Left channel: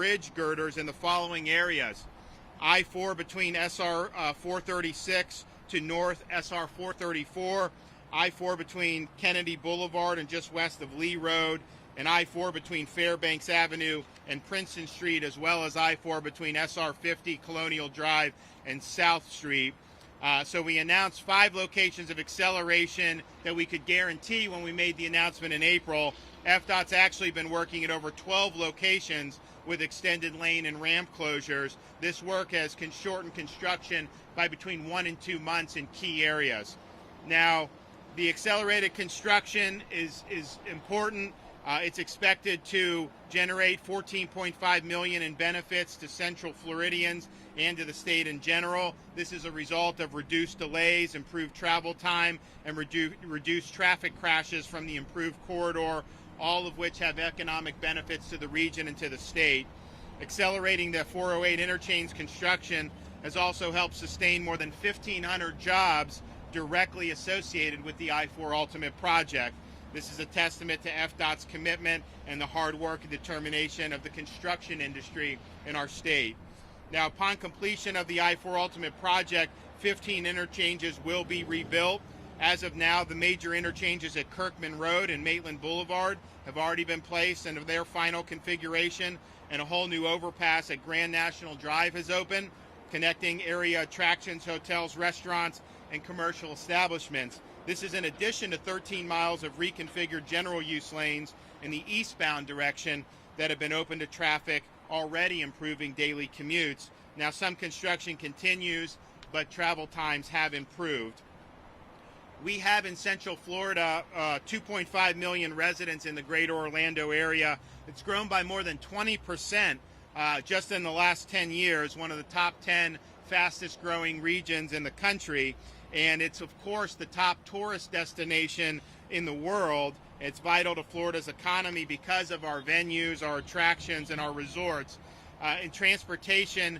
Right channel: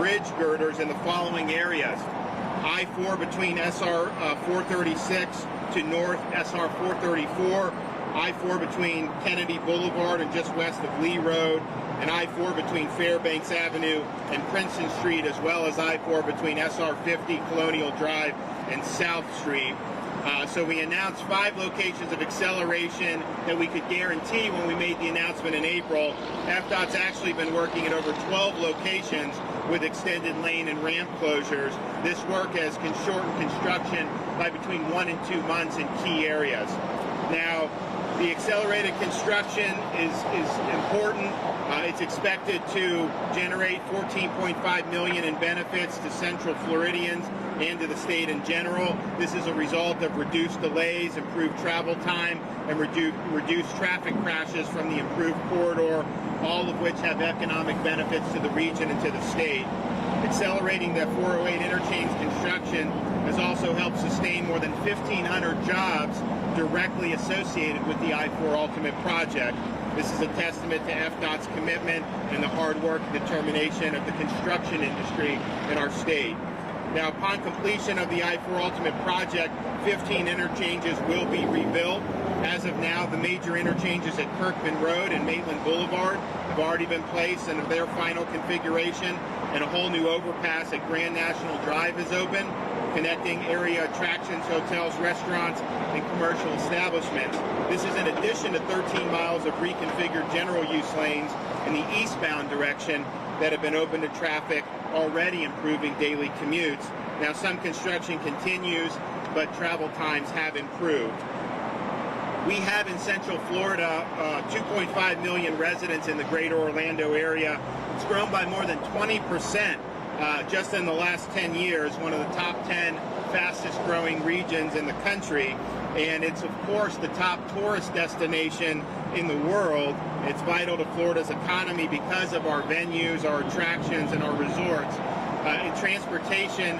bridge girders in the following areas: I-4 between SR 436 to North SR 434, I-4 between Kennedy Boulevard and just west of Lee Road, and I-4 between Fairbanks Avenue and Princeton Street, as well as I-4 between SR 50, Colonial Drive, and South Street. So we announced 5 locations of acceleration that we could guarantee when we made the announcement in April. FDOT's actually been working at over 12 locations with extended lane and ramp closures. This work has shortened construction by between 1 and 2 months in key areas. Now, the accelerated construction is important. It's expected to generate $14.5 million in benefits to Central Floridians and to the state in general. This is a result of reduced delays, improved travel time, and reduced traffic crashes from the improved corridor, all of which have economic benefits to the region and to the state. Accelerating the 408 interchange construction has also helped sustain more than 1,500 jobs directly associated with the I-4 Ultimate project. This is a testament to FDOT's commitment and the hard work and determination of the construction industry in our state. Now, upon completion of the I-4 Ultimate project, 15 interchanges will be rebuilt. As of now, the major interchanges at Kirkman Road and Maitland Boulevard have already been placed into their final configuration, and a whole new overpass at Grand National Drive is open, connecting area attractions, hotels, restaurants, and commercial establishments. This is in addition to 13 miles of reconfigured general use lanes in the eastbound direction that have been open to traffic, already improving daily commutes. Now, some construction continues, but travel times have improved. We have in Central Florida 2.5 million residents in the greater Orlando area. It's grown by more than 20% just in the last 10 years, one of the top 10 fastest growing regions in the country. And it's, of course, the top tourist destination in the world. It's vital to Florida's economy because of our venues, our attractions, and our resorts. And transportation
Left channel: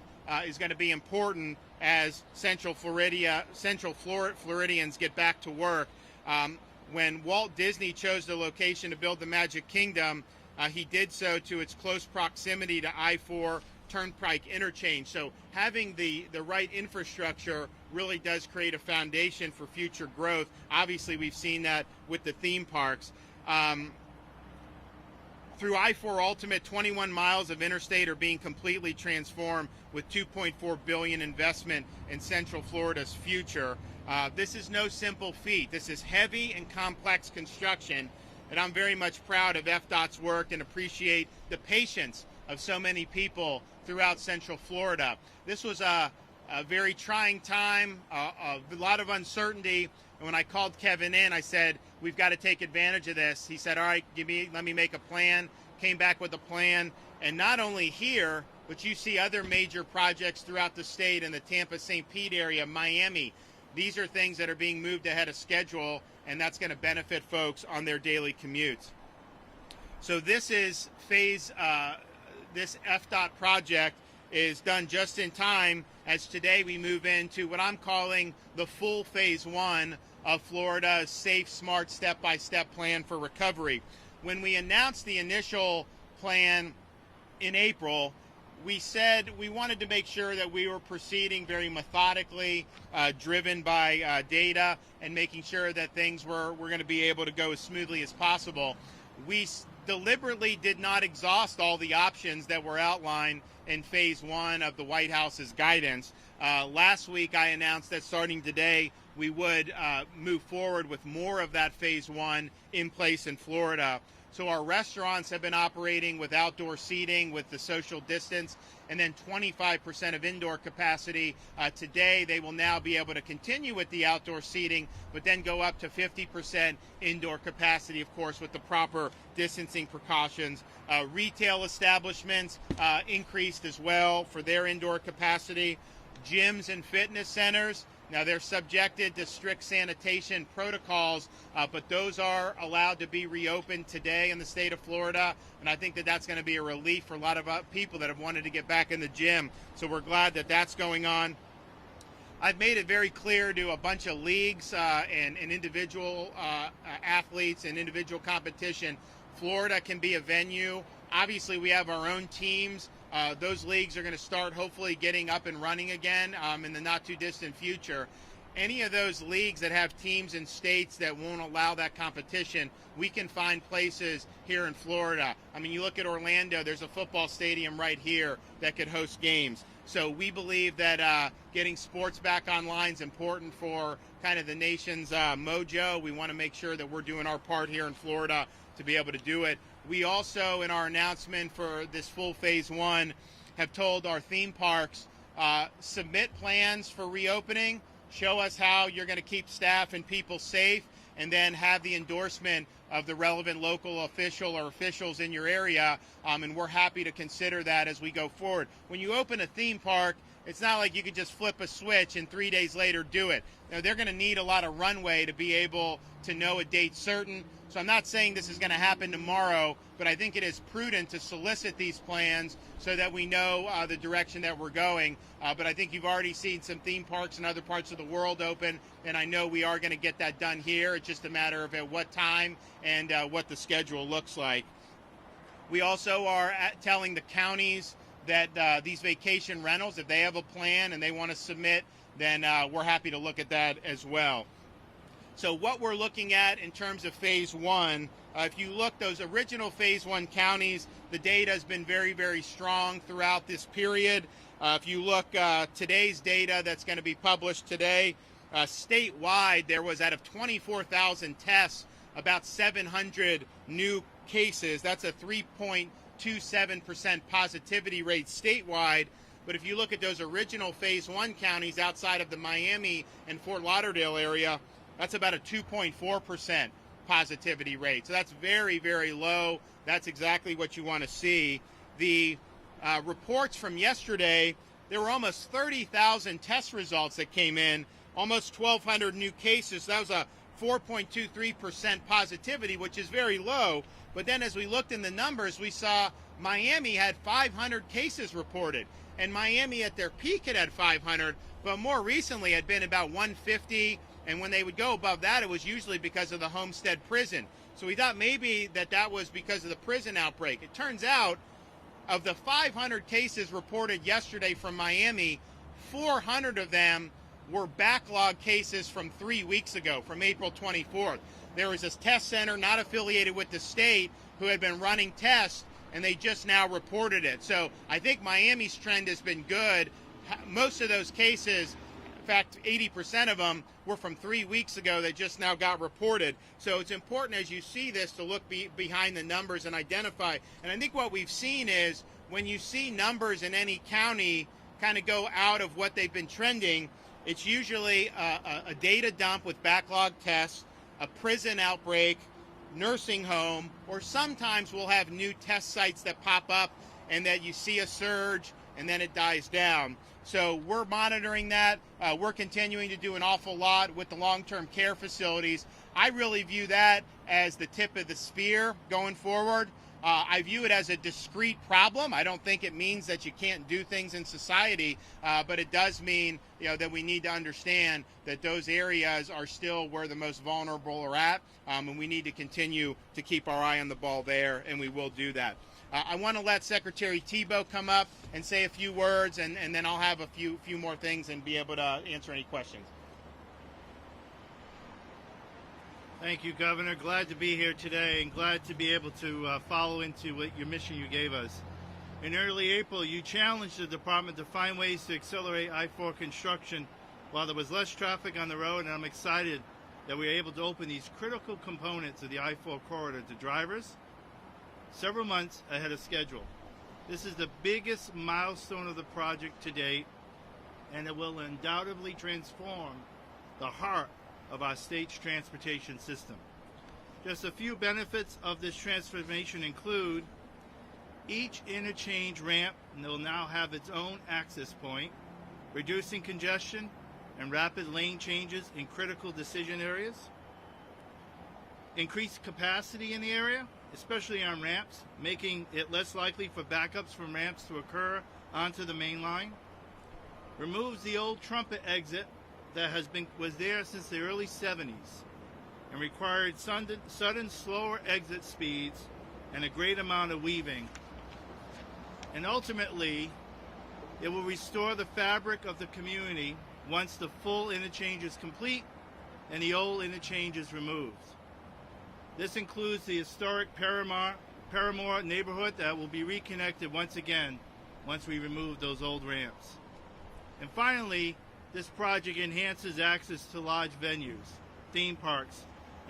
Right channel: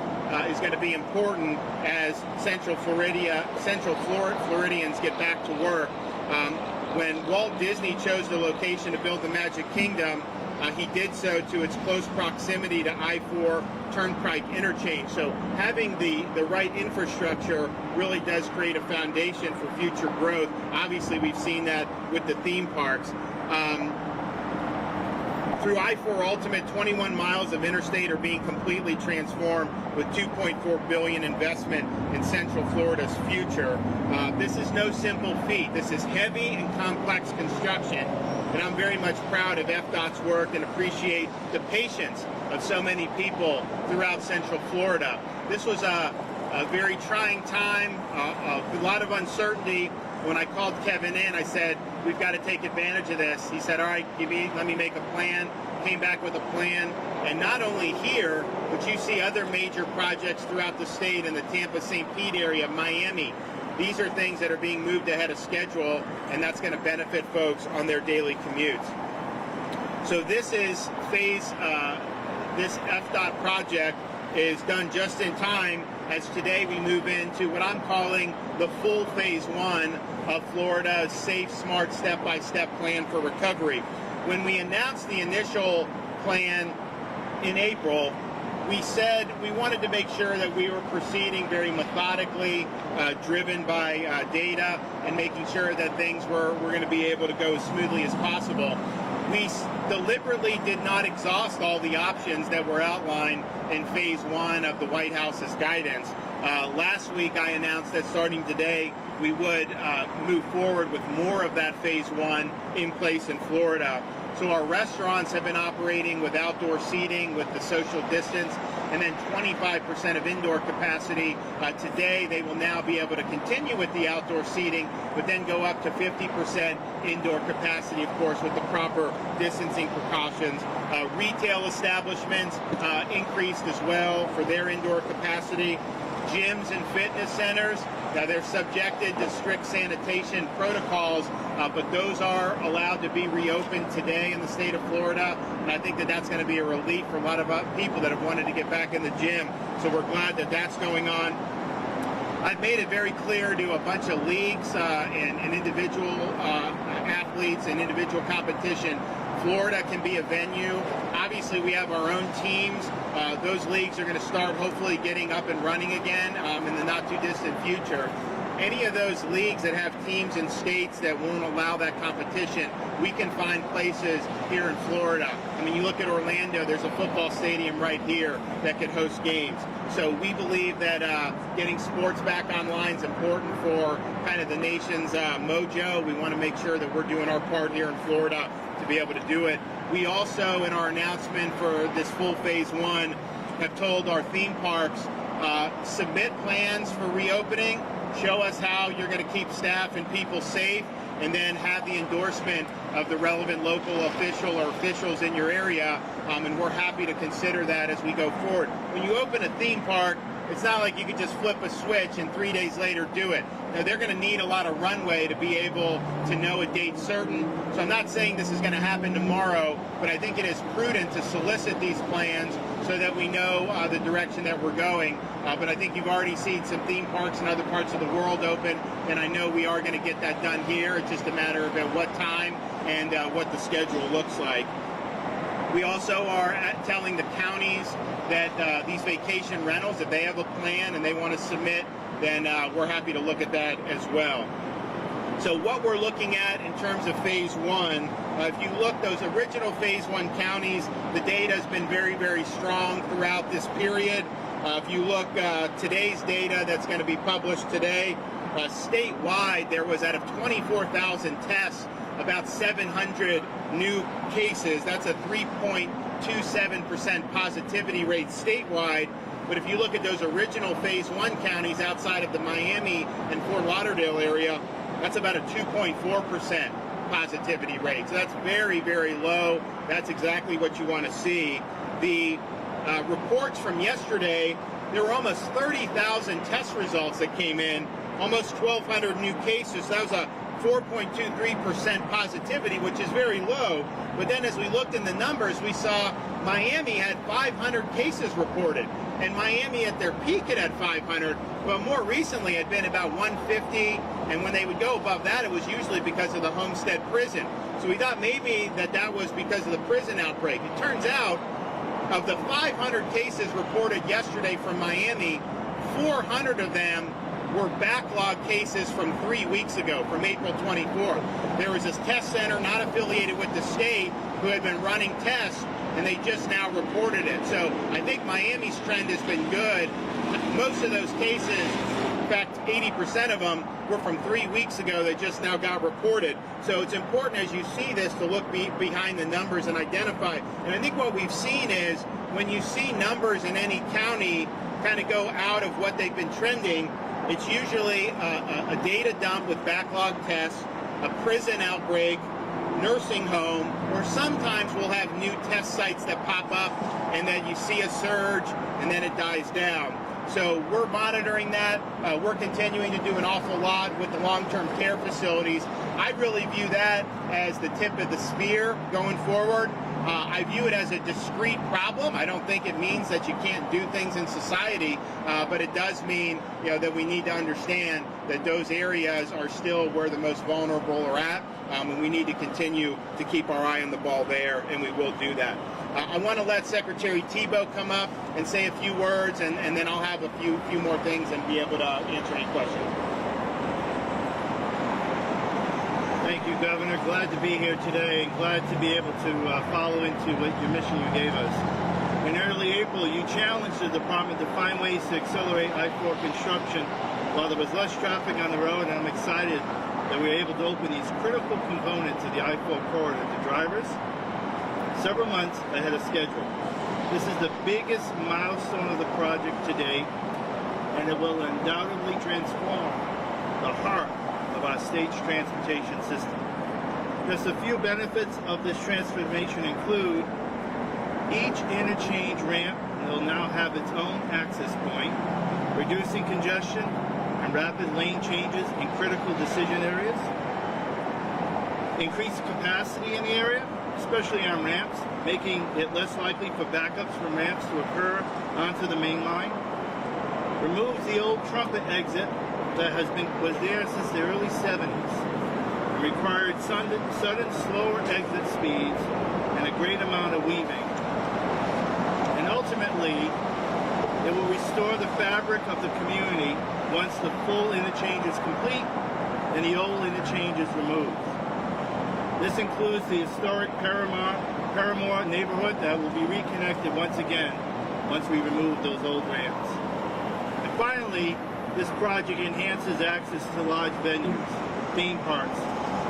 is going to be important as Central Floridians get back to work. When Walt Disney chose the location to build the Magic Kingdom, he did so to its close proximity to I-4 Turnpike Interchange. So having the right infrastructure really does create a foundation for future growth. Obviously, we've seen that with the theme parks. Through I-4 Ultimate, 21 miles of interstate are being completely transformed with $2.4 billion investment in Central Florida's future. This is no simple feat. This is heavy and complex construction. And I'm very much proud of FDOT's work and appreciate the patience of so many people throughout Central Florida. This was a very trying time, a lot of uncertainty. When I called Kevin in, I said, we've got to take advantage of this. He said, all right, let me make a plan. Came back with a plan. And not only here, but you see other major projects throughout the state in the Tampa-St. Pete area, Miami. These are things that are being moved ahead of schedule, and that's going to benefit folks on their daily commutes. So this is this FDOT project is done just in time, as today we move into what I'm calling the full phase 1 of Florida's safe, smart, step-by-step plan for recovery. When we announced the initial plan in April, we said we wanted to make sure that we were proceeding very methodically, driven by data, and making sure that things were going to be able to go as smoothly as possible. We deliberately did not exhaust all the options that were outlined in phase 1 of the White House's guidance. Last week I announced that starting today we would move forward with more of that phase 1 in place in Florida. So our restaurants have been operating with outdoor seating with the social distance, and then 25% of indoor capacity. Today they will now be able to continue with the outdoor seating, but then go up to 50% indoor capacity, of course, with the proper distancing precautions. Retail establishments increased as well for their indoor capacity. Gyms and fitness centers, they're subjected to strict sanitation protocols, but those are allowed to be reopened today in the state of Florida. And I think that that's going to be a relief for a lot of people that have wanted to get back in the gym. So we're glad that that's going on. I've made it very clear to a bunch of leagues and individual athletes and individual competition, Florida can be a venue. Obviously, we have our own teams Those leagues are going to start hopefully getting up and running again in the not too distant future. Any of those leagues that have teams in states that won't allow that competition, we can find places here in Florida. I mean, you look at Orlando, there's a football stadium right here that could host games. So we believe that getting sports back online is important for kind of the nation's mojo. We want to make sure that we're doing our part here in Florida to be able to do it. We also, in our announcement for this full phase one, have told our theme parks, submit plans for reopening, show us how you're going to keep staff and people safe, and then have the endorsement of the relevant local official or officials in your area, and we're happy to consider that as we go forward. When you open a theme park, it's not like you can just flip a switch and 3 days later do it. Now, they're going to need a lot of runway to be able to know a date certain. So I'm not saying this is going to happen tomorrow, but I think it is prudent to solicit these plans so that we know the direction that we're going. But I think you've already seen some theme parks in other parts of the world open, and I know we are going to get that done here. It's just a matter of at what time and what the schedule looks like. We also are telling the counties that these vacation rentals, if they have a plan and they want to submit, then we're happy to look at that as well. So what we're looking at in terms of phase one, if you look, those original phase one counties, the data has been very, very strong throughout this period. If you look today's data that's going to be published today, statewide there was out of 24,000 tests, about 700 new cases. That's a 3.27% positivity rate statewide. But if you look at those original phase one counties outside of the Miami and Fort Lauderdale area, that's about a 2.4% positivity rate. So that's very, very low. That's exactly what you want to see. The reports from yesterday, there were almost 30,000 test results that came in, almost 1,200 new cases. That was a 4.23% positivity, which is very low. But then as we looked in the numbers, we saw Miami had 500 cases reported. And Miami at their peak had 500, but more recently had been about 150. And when they would go above that, it was usually because of the Homestead prison. So we thought maybe that was because of the prison outbreak. It turns out, of the 500 cases reported yesterday from Miami, 400 of them were backlog cases from 3 weeks ago, from April 24th. There was this test center not affiliated with the state who had been running tests, and they just now reported it. So I think Miami's trend has been good. Most of those cases, in fact, 80% of them were from 3 weeks ago that just now got reported. So it's important as you see this to look behind the numbers and identify. And I think what we've seen is when you see numbers in any county kind of go out of what they've been trending, it's usually a data dump with backlog tests, a prison outbreak, nursing home, or sometimes we'll have new test sites that pop up and then you see a surge and then it dies down. So we're monitoring that. We're continuing to do an awful lot with the long-term care facilities. I really view that as the tip of the spear going forward. I view it as a discrete problem. I don't think it means that you can't do things in society, but it does mean that we need to understand that those areas are still where the most vulnerable are at, and we need to continue to keep our eye on the ball there, and we will do that. I want to let Secretary Thibeault come up and say a few words, and then I'll have a few more things and be able to answer any questions. Thank you, Governor. Glad to be here today and glad to be able to follow into what your mission you gave us. In early April, you challenged the department to find ways to accelerate I-4 construction while there was less traffic on the road, and I'm excited that we were able to open these critical components of the I-4 corridor to drivers several months ahead of schedule. This is the biggest milestone of the project to date, and it will undoubtedly transform the heart of our state's transportation system. Just a few benefits of this transformation include each interchange ramp will now have its own access point, reducing congestion and rapid lane changes in critical decision areas, increased capacity in the area, especially on ramps, making it less likely for backups from ramps to occur onto the main line, removes the old trumpet exit that was there since the early 70s. It required sudden, slower exit speeds and a great amount of weaving. And ultimately, ultimately, it will restore the fabric of the community once the full interchange is complete and the old interchange is removed. This includes the historic Paramore neighborhood that will be reconnected once again once we remove those old ramps. And finally, this project enhances access to large venues, theme parks,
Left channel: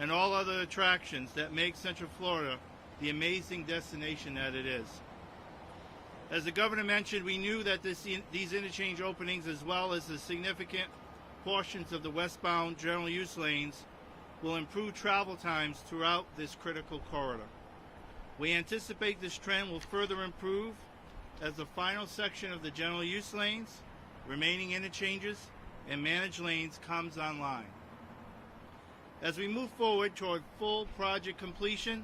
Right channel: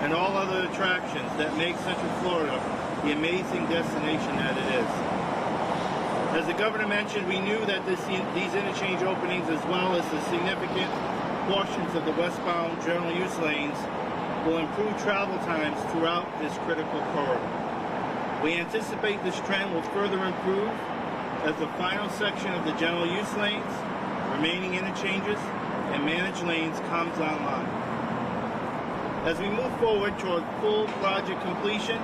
and all other attractions that make Central Florida the amazing destination that it is. As the governor mentioned, we knew that these interchange openings, as well as the significant portions of the westbound general use lanes, will improve travel times throughout this critical corridor. We anticipate this trend will further improve as the final section of the general use lanes, remaining interchanges, and managed lanes comes online. As we move forward toward full project completion,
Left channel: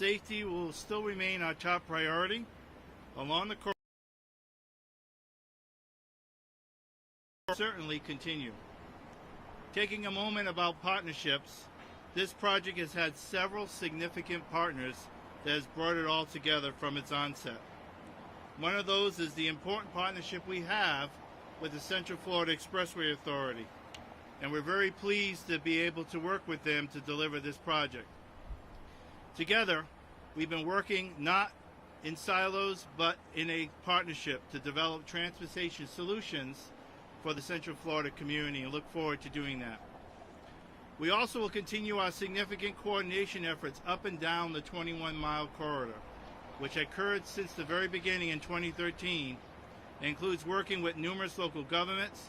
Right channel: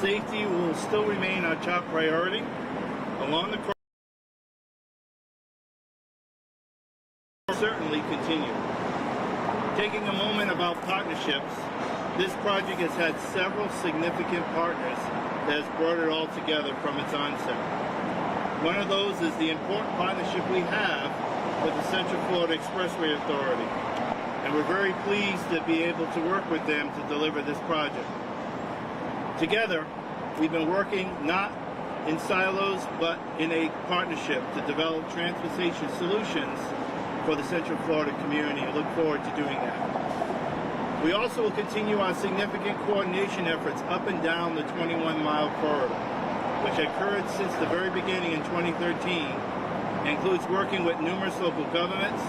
safety will still remain our top priority. Along the corridor certainly continue. Taking a moment about partnerships, this project has had several significant partners that has brought it all together from its onset. One of those is the important partnership we have with the Central Florida Expressway Authority, and we're very pleased to be able to work with them to deliver this project. Together, we've been working not in silos, but in a partnership to develop transportation solutions for the Central Florida community. We look forward to doing that. We also will continue our significant coordination efforts up and down the 21-mile corridor, which occurred since the very beginning in 2013, and includes working with numerous local governments,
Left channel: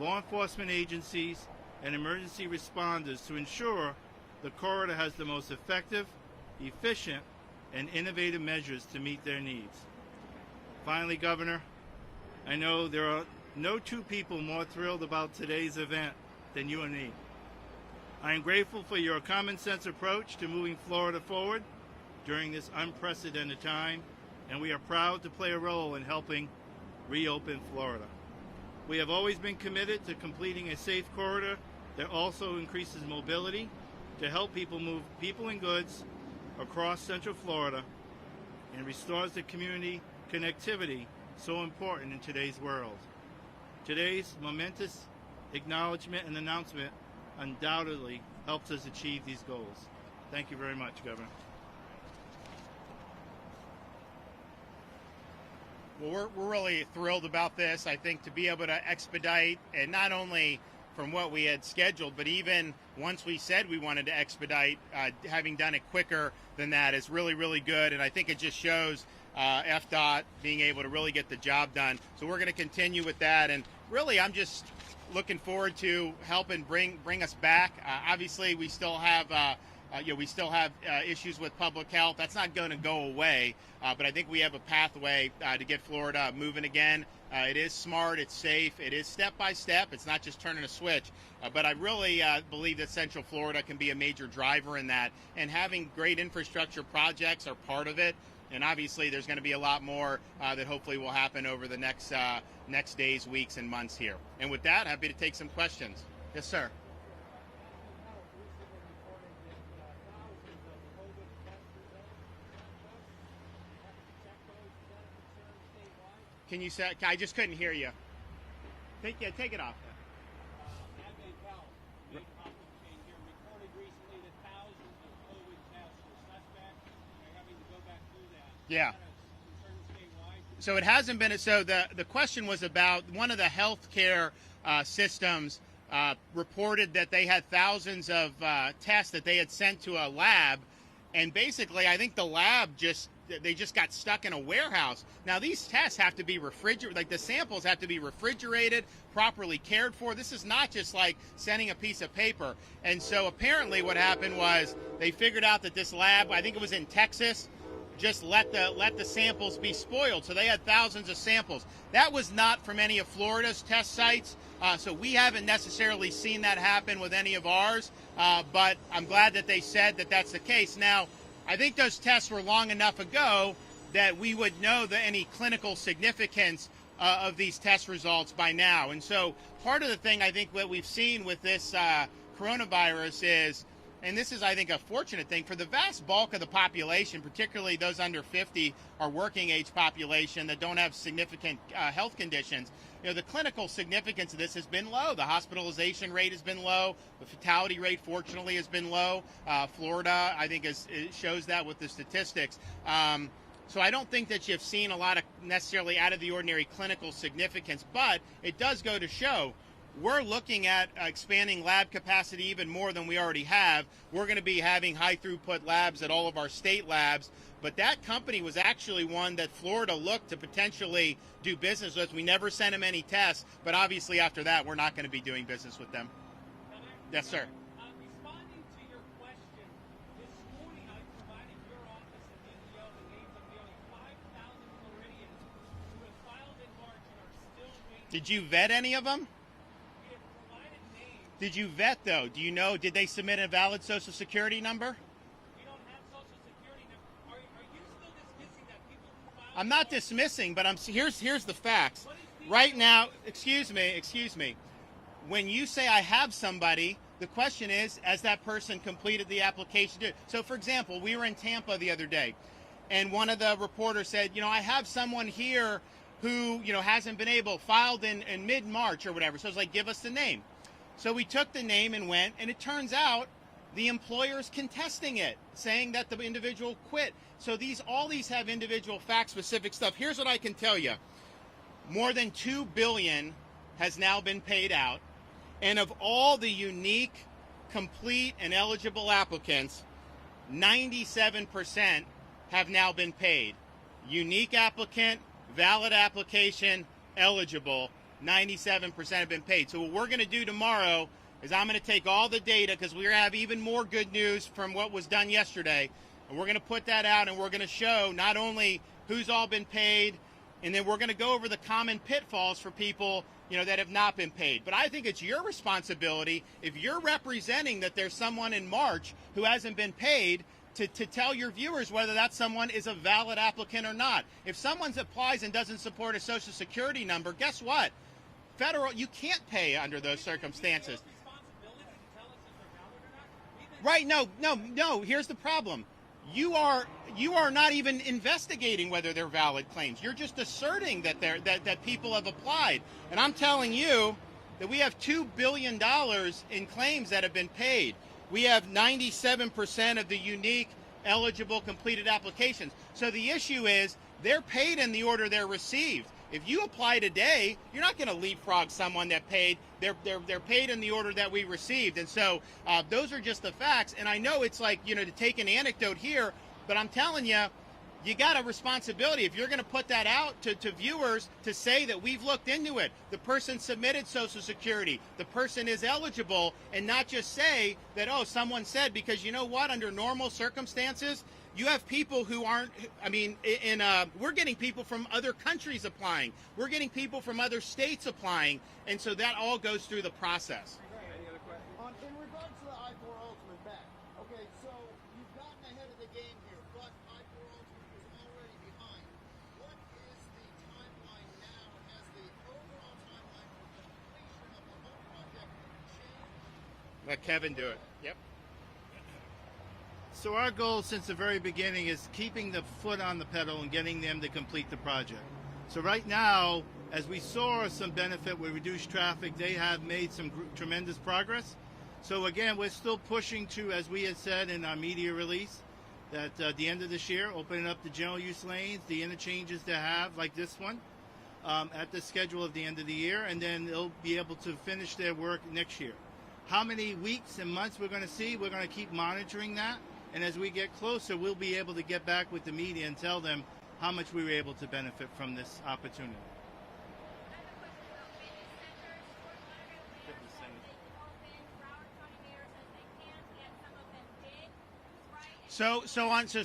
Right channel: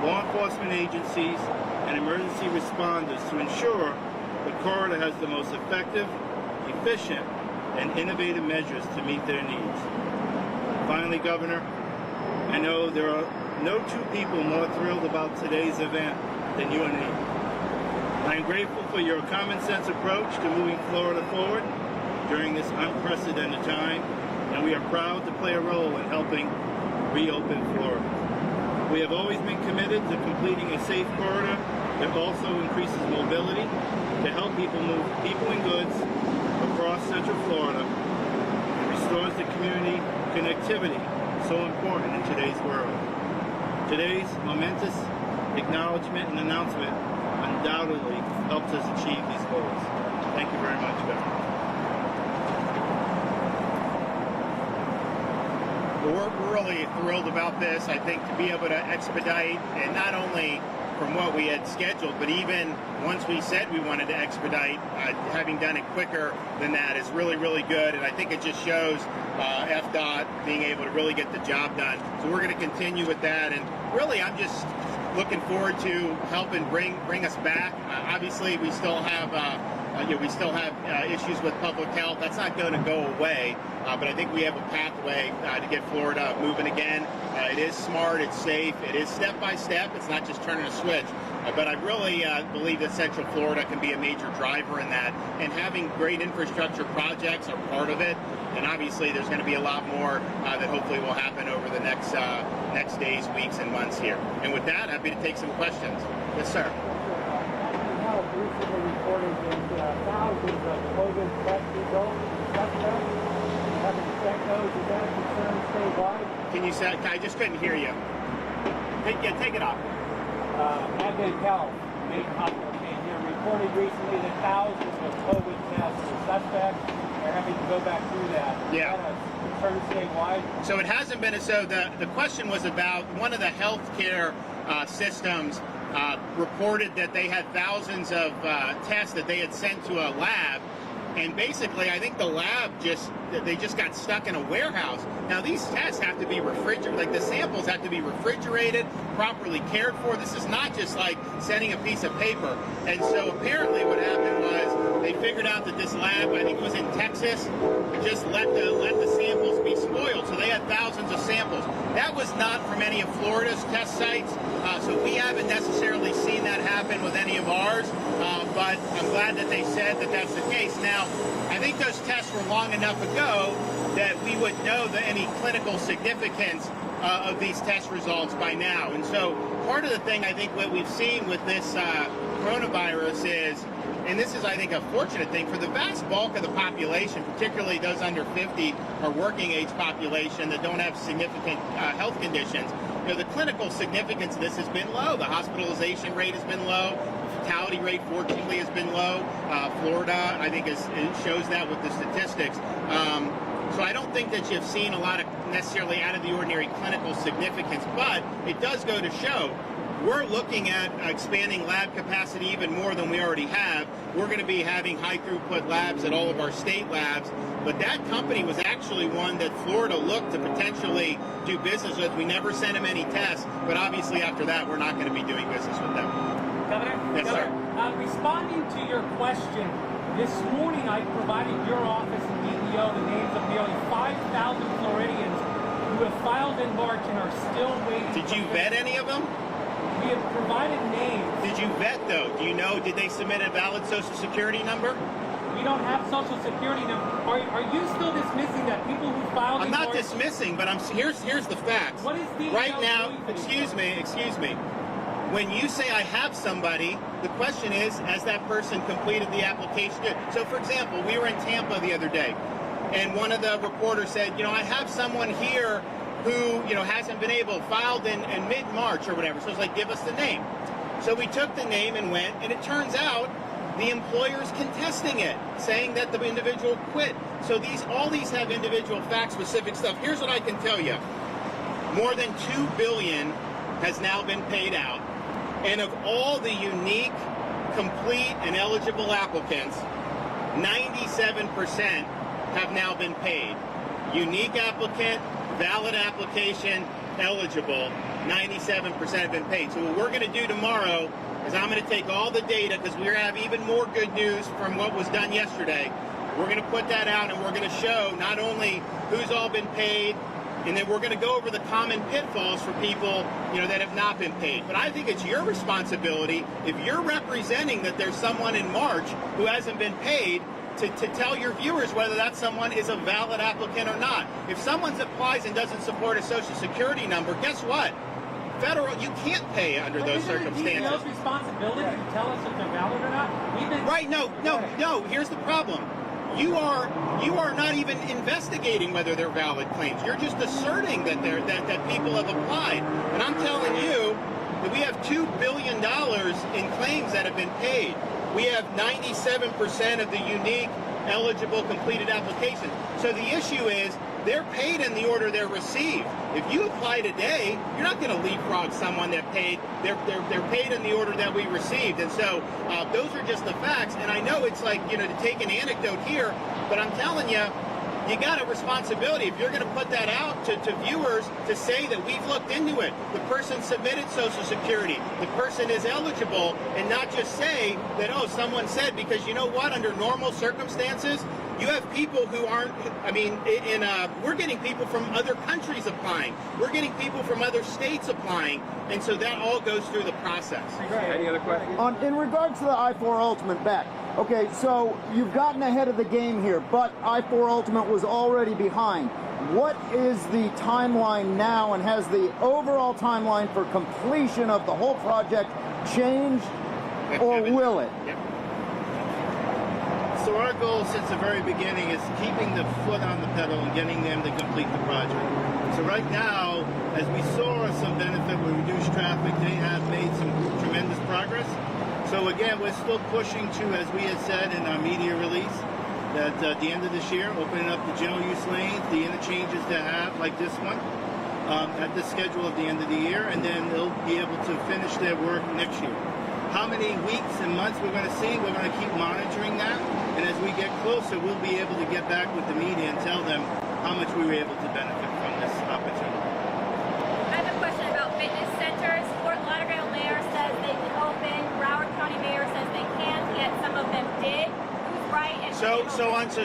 law enforcement agencies, and emergency responders to ensure the corridor has the most effective, efficient, and innovative measures to meet their needs. Finally, Governor, I know there are no two people more thrilled about today's event than you and me. I am grateful for your common sense approach to moving Florida forward during this unprecedented time, and we are proud to play a role in helping reopen Florida. We have always been committed to completing a safe corridor that also increases mobility to help people move people and goods across Central Florida and restores the community connectivity so important in today's world. Today's momentous acknowledgement and announcement undoubtedly helps us achieve these goals. Thank you very much, Governor. Well, we're really thrilled about this. I think to be able to expedite, and not only from what we had scheduled, but even once we said we wanted to expedite, having done it quicker than that is really, really good. And I think it just shows FDOT being able to really get the job done. So we're going to continue with that. And really, I'm just looking forward to helping bring us back. Obviously, we still have issues with public health. That's not going to go away. But I think we have a pathway to get Florida moving again. It is smart, it's safe, it is step by step. It's not just turning a switch. But I really believe that Central Florida can be a major driver in that. And having great infrastructure projects are part of it. And obviously, there's going to be a lot more that hopefully will happen over the next days, weeks, and months here. And with that, happy to take some questions. Yes, sir. Recently reported that thousands of COVID test results haven't checked those. Is that a concern statewide? Can you say? I just couldn't hear you. Take it off. Advent Health, main hospital chain here, reported recently that thousands of COVID tests are suspect. They're having to go back through that. Yeah. Is that a concern statewide? So it hasn't been. So the question was about one of the healthcare systems. Reported that they had thousands of tests that they had sent to a lab, and basically I think the lab just got stuck in a warehouse. Now these tests have to be refrigerated, like the samples have to be refrigerated, properly cared for. This is not just like sending a piece of paper. And so apparently what happened was they figured out that this lab, I think it was in Texas, just let the samples be spoiled. So they had thousands of samples. That was not from any of Florida's test sites, so we haven't necessarily seen that happen with any of ours, but I'm glad that they said that that's the case. Now, I think those tests were long enough ago that we would know any clinical significance of these test results by now. And so part of the thing I think what we've seen with this coronavirus is and this is, I think, a fortunate thing for the vast bulk of the population, particularly those under 50 or working age population that don't have significant health conditions. You know, the clinical significance of this has been low. The hospitalization rate has been low. The fatality rate, fortunately, has been low. Florida, I think, it shows that with the statistics. So I don't think that you've seen a lot of necessarily out of the ordinary clinical significance, but it does go to show we're looking at expanding lab capacity even more than we already have. We're going to be having high throughput labs at all of our state labs, but that company was actually one that Florida looked to potentially do business with. We never sent them any tests, but obviously after that we're not going to be doing business with them. Governor? Yes, sir. Responding to your question, this morning I provided your office and DEO the names of nearly 5,000 Floridians who have filed in March and are still waiting. Did you vet any of them? We have provided names. Did you vet, though? Do you know, did they submit a valid Social Security number? We don't have Social Security number. Are you still dismissing that people who filed I'm in not March? dismissing, but here's the facts. What is DEO Right now, doing? excuse me. When you say I have somebody, the question is, has that person completed the application? So, for example, we were in Tampa the other day, and one of the reporters said, I have someone here who, hasn't been able, filed in mid-March or whatever. So I was like, give us the name. So we took the name and went, and it turns out the employer's contesting it, saying that the individual quit. So all these have individual fact-specific stuff. Here's what I can tell you. More than $2 billion has now been paid out. And of all the unique, complete, and eligible applicants, 97% have now been paid. Unique applicant, valid application, eligible, 97% have been paid. So what we're going to do tomorrow is I'm going to take all the data, because we're going to have even more good news from what was done yesterday. We're going to put that out, and we're going to show not only who's all been paid, and then we're going to go over the common pitfalls for people, that have not been paid. But I think it's your responsibility, if you're representing that there's someone in March who hasn't been paid, to tell your viewers whether that someone is a valid applicant or not. If someone applies and doesn't support a Social Security number, guess what? Federal, you can't pay under those circumstances. Is it DEO's responsibility to tell us if they're valid or not? Right, no. Here's the problem. You are not even investigating whether they're valid claims. You're just asserting that that people have applied. And I'm telling you that we have $2 billion in claims that have been paid. We have 97% of the unique, eligible, completed applications. So the issue is they're paid in the order they're received. If you apply today, you're not going to leapfrog someone that paid. They're paid in the order that we received. And so those are just the facts. And I know it's like, to take an anecdote here, but I'm telling you, you got a responsibility. If you're going to put that out to viewers to say that we've looked into it, the person submitted Social Security, the person is eligible, and not just say that, someone said, because you know what, under normal circumstances, you have people who aren't, we're getting people from other countries applying. We're getting people from other states applying. And so that all goes through the process. Any other questions? In regards to the I-4 Ultimate bet, okay, so you've gotten ahead of the game here, but I-4 Ultimate was already behind. What is the timeline now, and has the overall timeline for completion of the whole project changed, or will it? Yep. So our goal since the very beginning is keeping the foot on the pedal and getting them to complete the project. So right now, as we saw some benefit with reduced traffic, they have made some tremendous progress. So again, we're still pushing to, as we had said in our media release, that at the end of this year, opening up the general use lanes, the interchanges to have, like this one, at the schedule at the end of the year, and then they'll be able to finish their work next year. How many weeks and months we're going to see, we're going to keep monitoring that. And as we get closer, we'll be able to get back with the media and tell them how much we were able to benefit from this opportunity. I have a question about fitness centers. Fort Lauderdale mayor says they can open. Broward County mayor says they can't, yet some of them did. Who's right? And So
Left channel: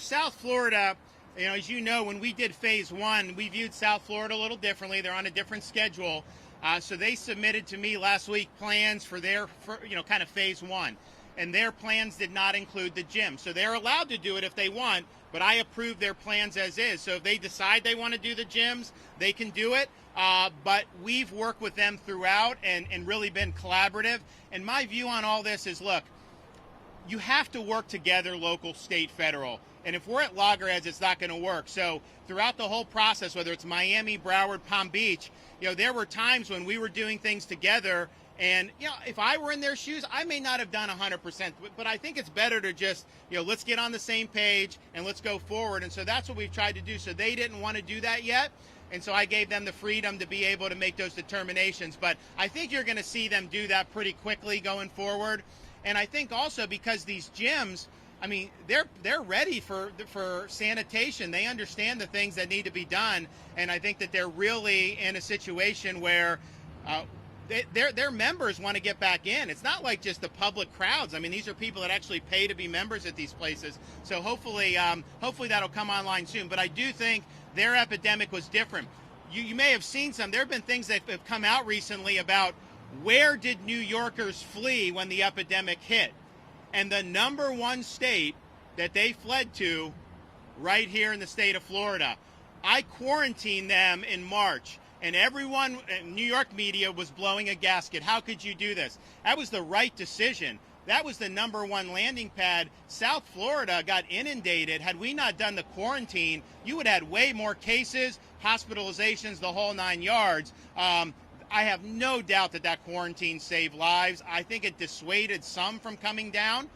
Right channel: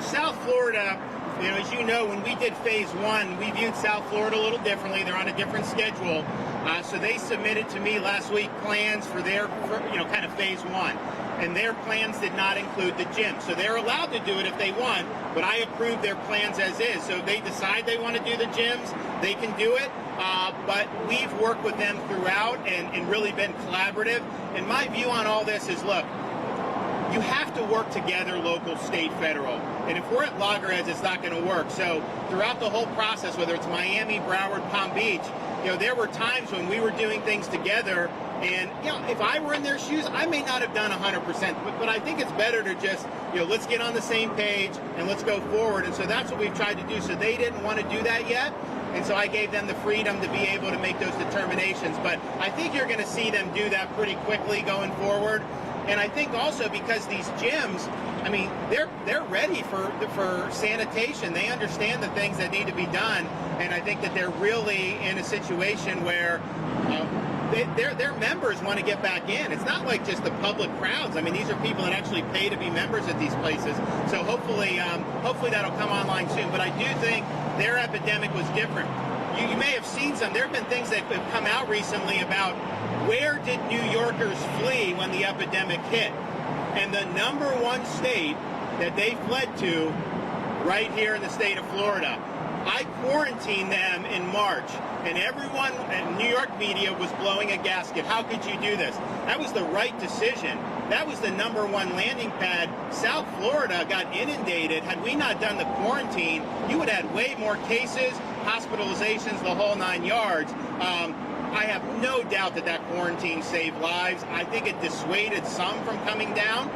South Florida, as you know, when we did phase 1, we viewed South Florida a little differently. They're on a different schedule. So they submitted to me last week plans for their, kind of phase 1. And their plans did not include the gym. So they're allowed to do it if they want, but I approved their plans as is. So if they decide they want to do the gyms, they can do it. But we've worked with them throughout and really been collaborative. And my view on all this is, look, you have to work together, local, state, federal. And if we're at loggerheads, it's not going to work. So throughout the whole process, whether it's Miami, Broward, Palm Beach, there were times when we were doing things together. And, if I were in their shoes, I may not have done 100%. But I think it's better to just, let's get on the same page and let's go forward. And so that's what we've tried to do. So they didn't want to do that yet. And so I gave them the freedom to be able to make those determinations. But I think you're going to see them do that pretty quickly going forward. And I think also because these gyms, I mean, they're ready for sanitation. They understand the things that need to be done. And I think that they're really in a situation where their members want to get back in. It's not like just the public crowds. I mean, these are people that actually pay to be members at these places. So hopefully that'll come online soon. But I do think their epidemic was different. You may have seen some. There have been things that have come out recently about where did New Yorkers flee when the epidemic hit. And the number one state that they fled to, right here in the state of Florida. I quarantined them in March, and everyone in New York media was blowing a gasket. How could you do this? That was the right decision. That was the number one landing pad. South Florida got inundated. Had we not done the quarantine, you would have had way more cases, hospitalizations, the whole 9 yards. I have no doubt that quarantine saved lives. I think it dissuaded some from coming down.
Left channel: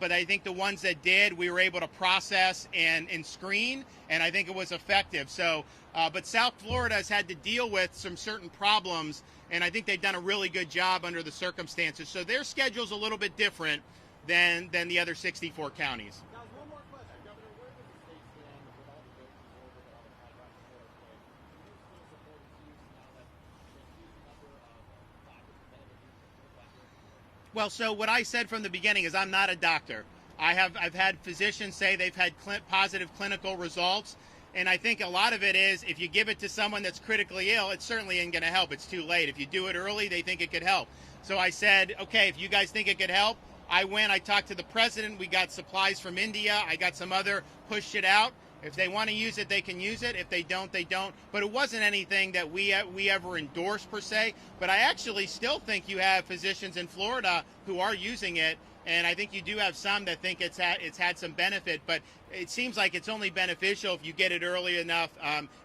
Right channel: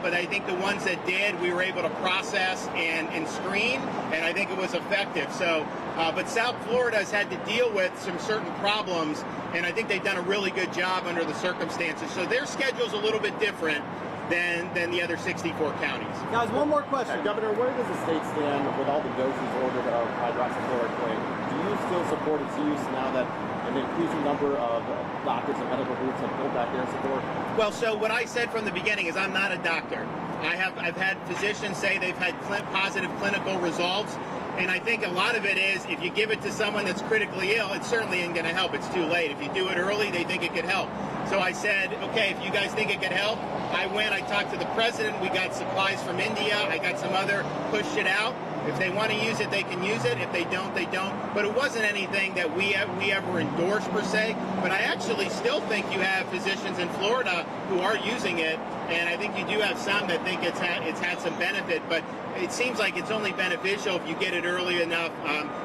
But I think the ones that did, we were able to process and screen, and I think it was effective. So, but South Florida has had to deal with some certain problems, and I think they've done a really good job under the circumstances. So their schedule's a little bit different than the other 64 counties. Guys, one more question. Governor, where does the state stand with all the doses ordered of hydroxychloroquine? Do you still support its use now that an increasing number of doctors and medical groups have pulled back their support? Well, so what I said from the beginning is I'm not a doctor. I've had physicians say they've had positive clinical results, and I think a lot of it is if you give it to someone that's critically ill, it certainly isn't going to help. It's too late. If you do it early, they think it could help. So I said, okay, if you guys think it could help, I talked to the president, we got supplies from India, I got some other, pushed it out. If they want to use it, they can use it. If they don't, they don't. But it wasn't anything that we ever endorsed per se. But I actually still think you have physicians in Florida who are using it, and I think you do have some that think it's had some benefit. But it seems like it's only beneficial if you get it early enough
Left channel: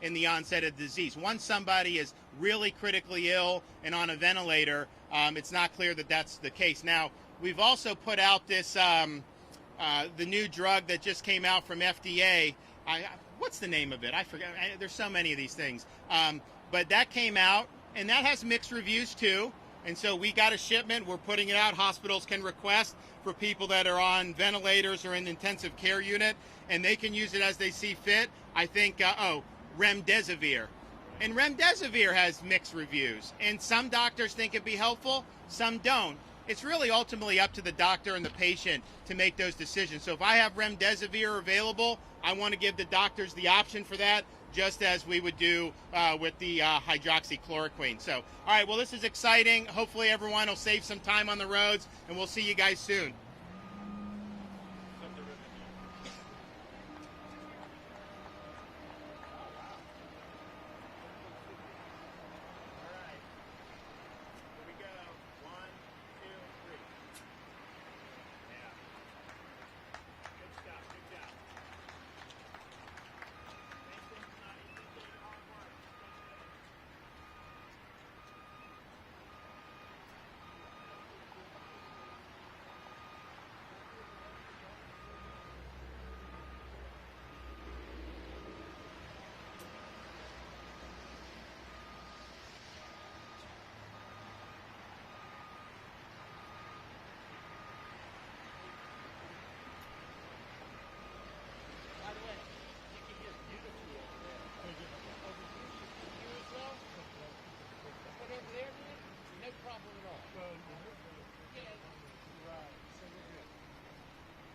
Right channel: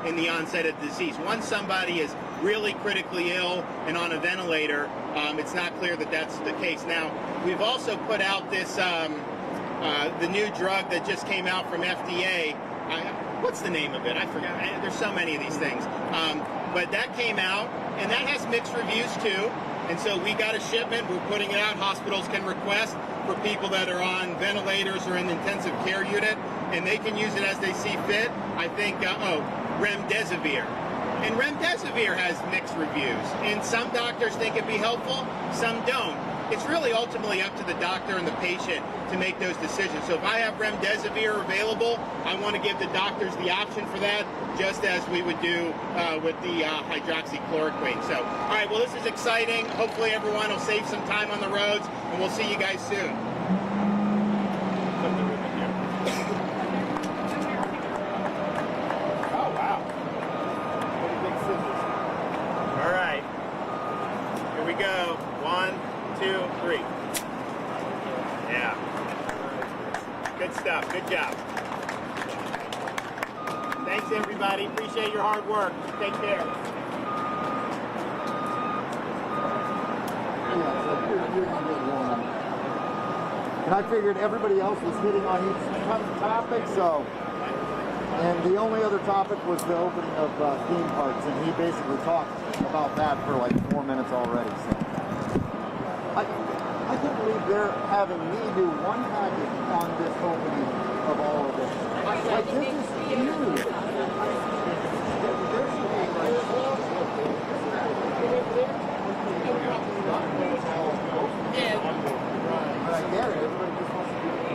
in the onset of the disease. Once somebody is really critically ill and on a ventilator, it's not clear that that's the case. Now, we've also put out this the new drug that just came out from FDA. What's the name of it? I forgot. There's so many of these things. But that came out, and that has mixed reviews too. And so we got a shipment. We're putting it out. Hospitals can request for people that are on ventilators or in intensive care unit, and they can use it as they see fit. I think, remdesivir. And remdesivir has mixed reviews. And some doctors think it'd be helpful, some don't. It's really ultimately up to the doctor and the patient to make those decisions. So if I have remdesivir available, I want to give the doctors the option for that, just as we would do with the hydroxychloroquine. So, all right, well, this is exciting. Hopefully everyone will save some time on the roads, and we'll see you guys soon. Oh, wow. All right, here we go. 1, 2, 3. Yeah. Good stuff. Good job. Thanks, everybody. Appreciate your hard work. Take care. And I figured everybody else was hitting on each topic, so. And the only other topic was the opening of theme parks, and he basically talked about that for like 4 minutes already. So I can't believe they're having me do one package on this opening of all of this. Like, this is huge. I get it. Everybody just wants to do it.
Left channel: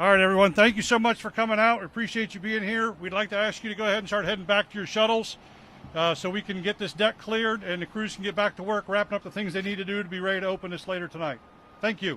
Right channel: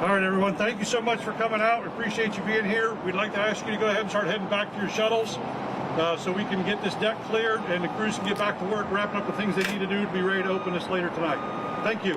All right, everyone, thank you so much for coming out. We appreciate you being here. We'd like to ask you to go ahead and start heading back to your shuttles. so we can get this deck cleared and the crews can get back to work, wrapping up the things they need to do to be ready to open this later tonight. Thank you.